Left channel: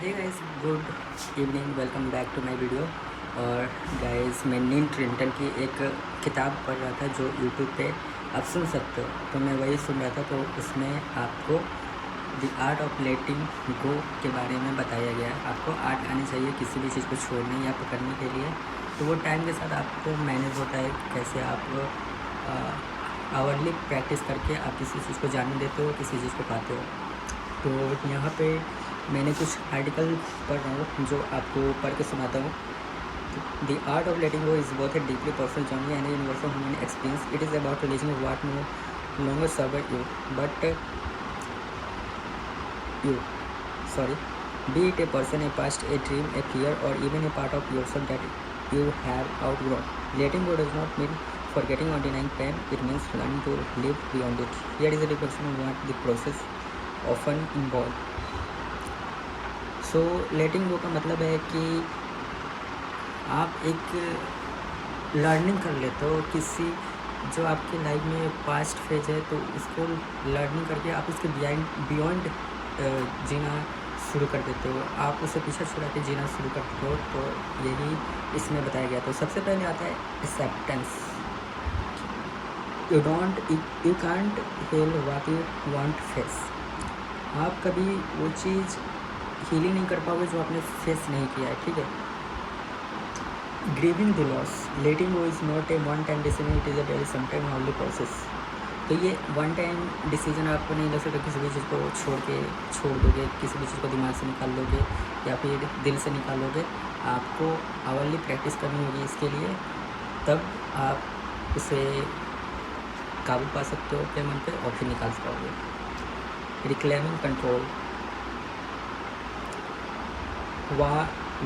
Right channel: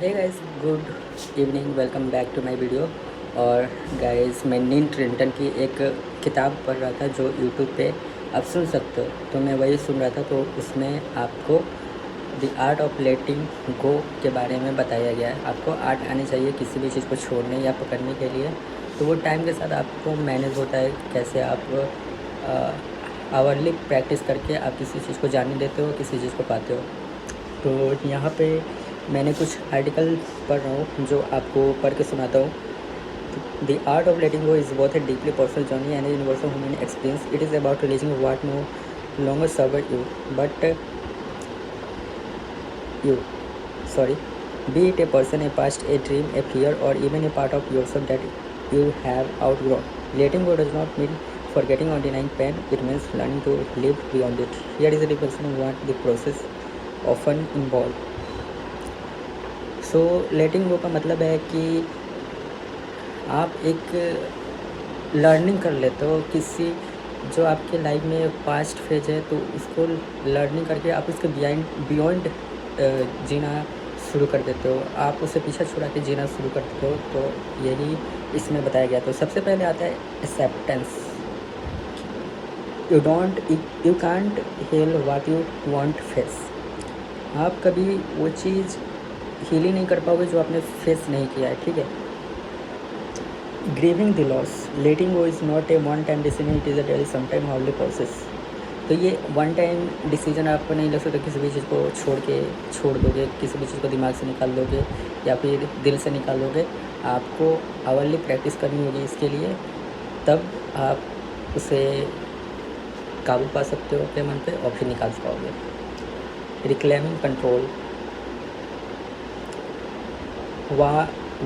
Hey guys, good evening, welcome back to my video. और guys, मैं Neil ट्रिंटन की एक किताब पढ़ रहा था जो यूट्यूब पे आप सुन सकते हो। तो मैं वही सुन रहा था, तो उसमें आपको द आर्ट ऑफ लेटिंग गो के बारे में बताया गया है। आपको आर्ट आनी चाहिए किसी भी चीज़ को छोड़ने या पकड़ने के लिए। तो वो टाइम के साथ आपको मैनेज होता है, कैसे आप आवरली प्रैक्टिस करके आप किसी चीज़ को जान लेते हो, किसी चीज़ को पाते हो। तो यहाँ पे मैंने कुछ आर्टिकल पढ़ रहा हूँ जो आपको पढ़ के सुनाता हूँ। The art of letting go is both a deeply personal journey and universal human experience. It is about releasing what no longer served you, but you, sorry, be it a person, a past, a dream, a fear, or even a part of yourself that you have outgrown. Letting go does not mean forgetting or denying pain. It means learning to live beyond it. Here is a reflection of what the process often involves. सो लेटिंग गो का मतलब है कि आप एक learning कर लेते हो किसी जो आपके लाइफ में पास्ट फेज है, तो उसको लर्निंग करके आप उसके बियॉन्ड जीना शुरू कर देते हो। आप उसे पीछा छुड़ा के जीना शुरू करते हो। तो यही इसमें बताया गया। तो सबसे पहले आता है acceptance. You can't heal what you won't face. आप कभी वो चीज़ हील ही नहीं कर पाओगे जो आपने फेस नहीं किया है, ठीक है। Grieving the loss. Letting go is not a one time decision, it is a daily sometime hardly process. तो ये वन टाइम डिसीजन आप नहीं ले सकते। किसी भी चीज़ को छोड़ दोगे, किसी भी चीज़ को दिमाग से निकाल दोगे या फिर दिल से निकाल दोगे। आपको आवरली प्रैक्टिस करनी होगी इसके लिए, तब आप उसे काबू पा सकते हो अपने मन पे और फिर निकाल पाओगे। Reclaiming control.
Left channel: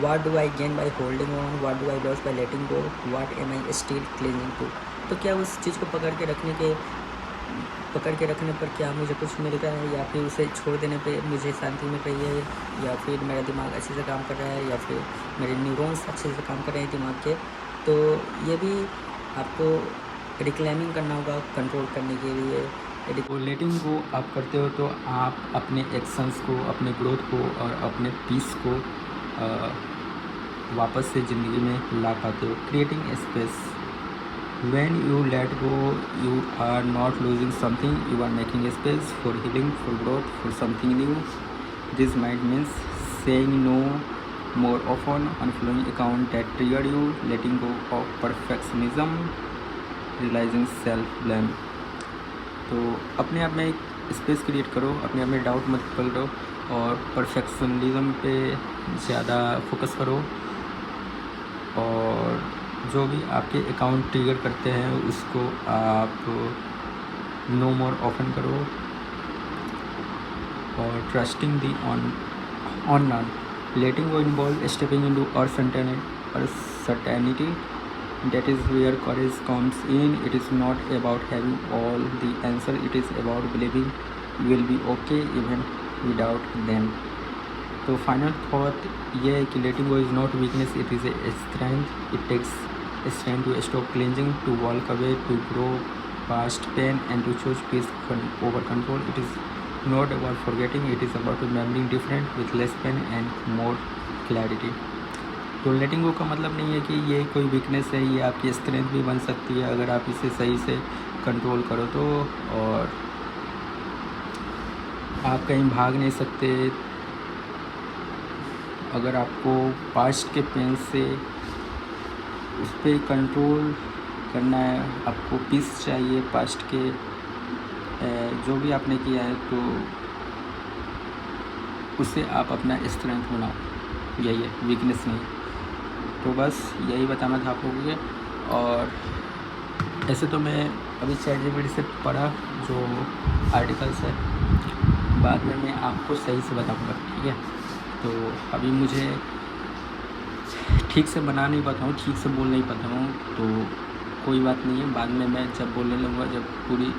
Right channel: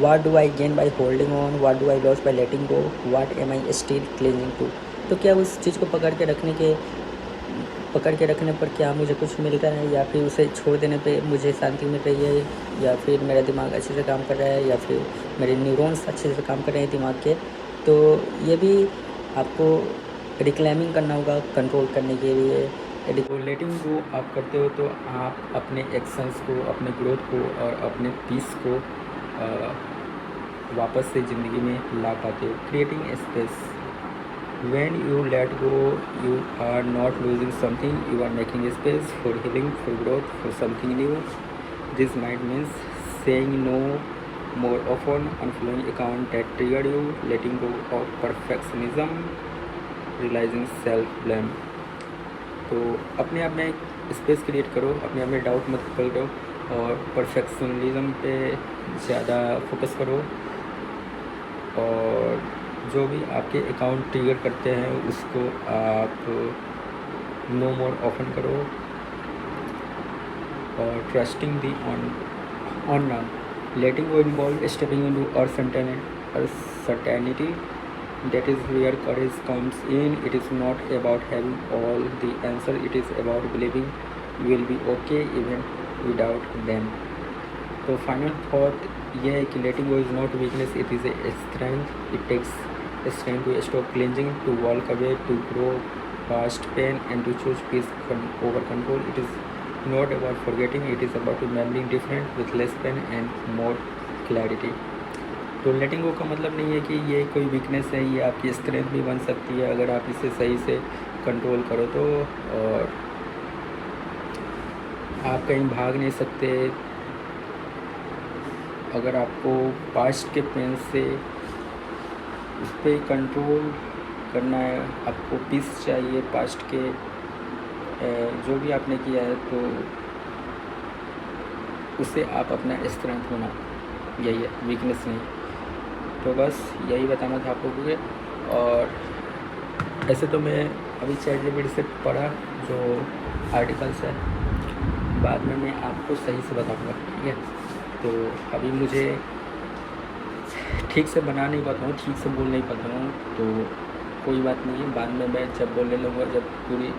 What do I gain by holding on? What do I lose by letting go? What am I still clinging to? तो क्या उस चीज़ को पकड़ के रखने पर क्या मुझे कुछ मिल रहा है, या फिर उसे छोड़ देने पे मुझे शांति मिल रही है, या फिर मेरा दिमाग अच्छे से काम कर रहा है, या फिर मेरे न्यूरॉन्स अच्छे से काम कर रहे हैं दिमाग के। तो ये भी आपको रिक्लेमिंग करना होगा कंट्रोल करने के लिए। तो लेटिंग गो आप करते हो तो आप अपने एक्शंस को, अपने ग्रोथ को और अपने पीस को वापस से ज़िंदगी में ला पाते हो। Creating space. When you let go you are not losing something, you are making space for healing, for growth, for something new. This might means saying no more often, unfollowing account that triggered you, letting go of perfectionism, realizing self blame। तो अपने आप में एक space create करो, अपने आप में doubt मत करो और परफेक्शनलिज्म पे ज़्यादा फोकस करो। और जो भी आपके अकाउंट ट्रिगर करते हैं उसको आप नो मोर ओपन करो। और trusting the on letting go involve stepping into certainty. That is where courage comes in. It is not about having all the answer, it is about believing you will be okay even without them। तो final thought ये है कि letting go is not weakness, it is a strength. It takes strength to stop clinging, to walk away, to grow past pain, and to choose peace over control। It is not about forgetting, it is about remembering different with less pain and more clarity। तो लेटिंग गो का मतलब नहीं है कि ये कोई weakness है, ये आपकी स्ट्रेंथ भी बन सकती है अगर आप इसे सही से कंट्रोल करो तो। और आप कहीं भाग नहीं सकते। अगर आपको पास्ट के पेन से उस पर कंट्रोल करना है, आपको पीस चाहिए पास्ट के जो भी आपने किया है, तो उसे आप अपना स्ट्रेंथ होना, यही है, वीकनेस नहीं। तो बस यही बताना था आप लोगों को। और ऐसे तो मैं अभी ChatGPT से पढ़ा जो आर्टिकल्स है, बाद में मैं आपको सही से बताऊंगा, ठीक है। तो अभी मुझे ठीक से बना नहीं पाता हूँ, ठीक से बोल नहीं पाता हूँ, तो कोई बात नहीं है। बाद में मैं जब बोलने लगूँगा, जब पूरी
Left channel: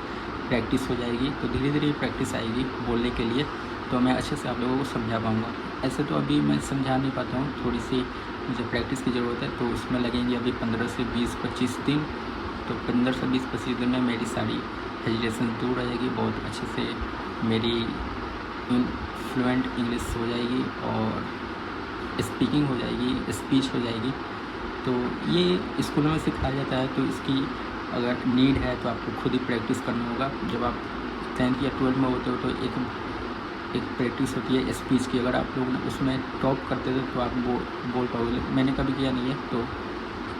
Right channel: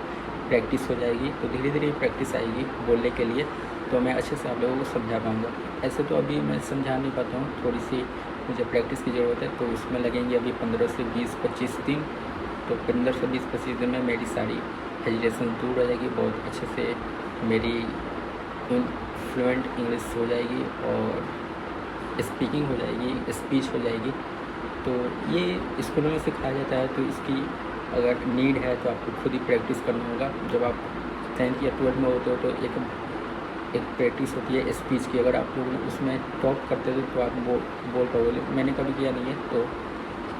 प्रैक्टिस हो जाएगी, तो धीरे धीरे प्रैक्टिस आएगी बोलने के लिए, तो मैं अच्छे से आप लोगों को समझा पाऊँगा। ऐसे तो अभी मैं समझा नहीं पाता हूँ, थोड़ी सी मुझे प्रैक्टिस की ज़रूरत है। तो उसमें लगेंगे अभी 15 से 20-25 दिन। तो 15 से 20-25 दिन में मेरी सारी हेजिटेशन दूर हो जाएगी, बहुत अच्छे से मेरी फ्लुएंट इंग्लिश हो जाएगी और स्पीकिंग हो जाएगी, स्पीच हो जाएगी। तो ये स्कूलों में सिखाया जाता है। तो इसकी अगर नीड है तो आपको खुद ही प्रैक्टिस करना होगा। जब आप 10th या 12th में होते हो तो एक प्रैक्टिस होती है स्पीच की। अगर आप लोग उसमें टॉप करते थे तो आप वो बोल पाओगे। मैंने कभी किया नहीं है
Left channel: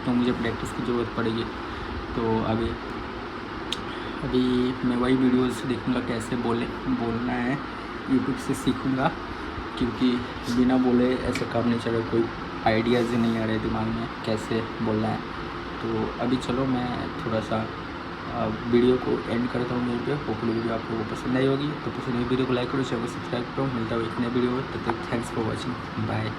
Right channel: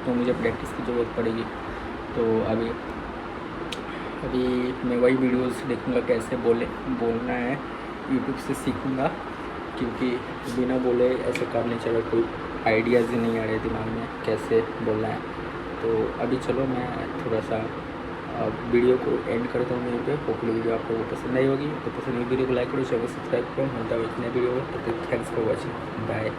तो मुझे प्रैक्टिस की ज़रूरत पड़ेगी। तो अभी मैं वही वीडियोस देखूँगा कैसे बोलना है, यूट्यूब से सीखूँगा, क्योंकि बिना बोले ऐसा काम नहीं चलेगा। कोई आइडियाज़ नहीं आ रहे दिमाग में कैसे बोलना है। तो अभी चलो मैं थोड़ा सा वीडियो को एंड करता हूँ यहीं पे। होपफुली वीडियो आप लोगों को पसंद आई होगी। तो पसंद आई वीडियो को लाइक करो, चैनल सब्सक्राइब करो। मिलता है एक नए वीडियो में। तब तक थैंक्स फॉर वॉचिंग, बाय।